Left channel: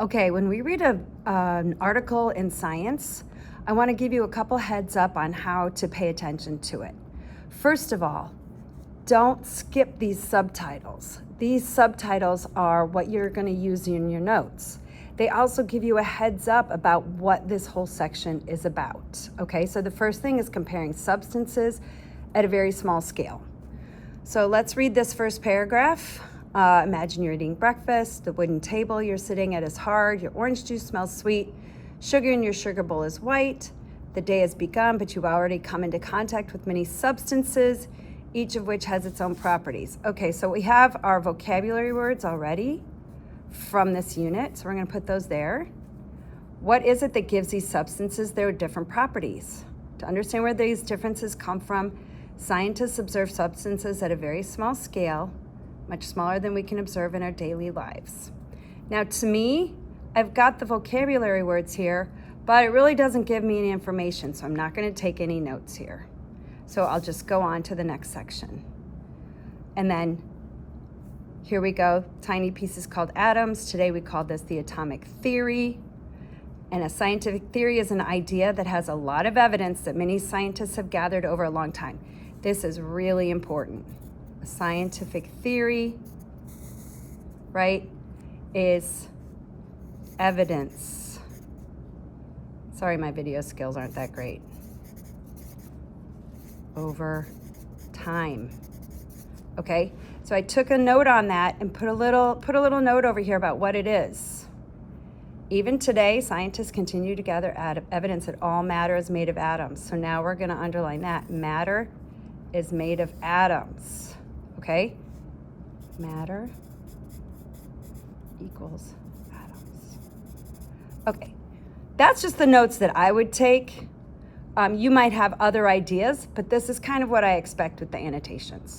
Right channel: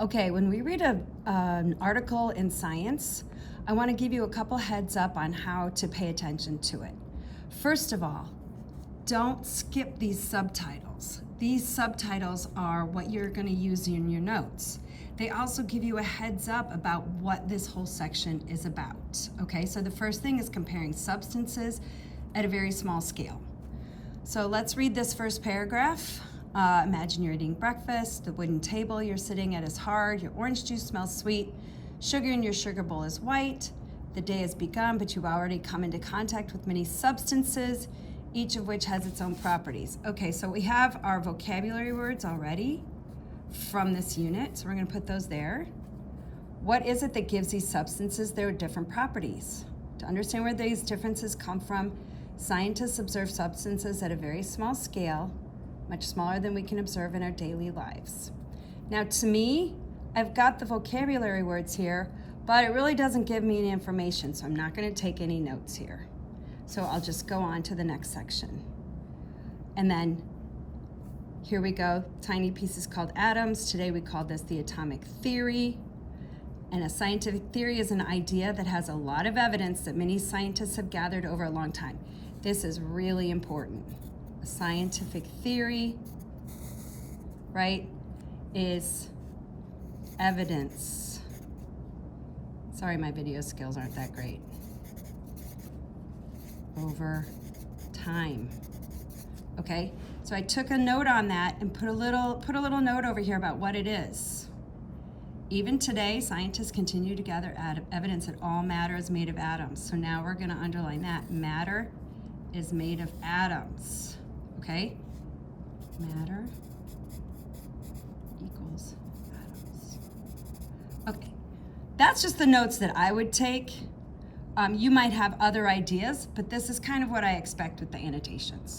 Okay, when we read an article in Science, I want to give you a couple heads up on how to pay attention to it. First of all, don't skip these subtitles. These subtitles are what you're going to use in your notes. They also give you a heads up about what this whole section is about. Okay, so the first thing is comparing substances at a very small scale. So let's read this first paragraph. Imagine you're eating breakfast. The wooden table you're sitting at is hard. Your orange juice smells sweet. Sugar in your sugar bowl is white. The day has begun, but you've already come into contact with many substances, each of which has its own properties. Okay, so we have our vocabulary words already from this unit, so we're going to put those there. What is it that gives these substances their different properties? To understand where these differences come from, scientists observe substances at a very small scale, much smaller than we can observe in our daily lives. Now, to me, I've got the vocabulary words here, but it really doesn't give me any information, so I'm not going to take any notes here. So I'll just go on to the next section. And then here we go, tiny pieces called atoms. Today we call this the atomic theory. And a scientific theory is an idea that has a lot of evidence that many scientists have gathered over a long time. This is really important. A scientific theory, right, is evidence. Sorry, my video skills aren't that great. Over time. Okay, so I took a note on that and put a little note over here about what it is. Even today, scientists continue to gather evidence that all matter is made of atoms. So now we're going to underline that. Matter is made of atoms. Okay? Matter equals atoms. Okay, that's just the notes that I would take. You might have other ideas, but this is kind of what I expect with the annotations.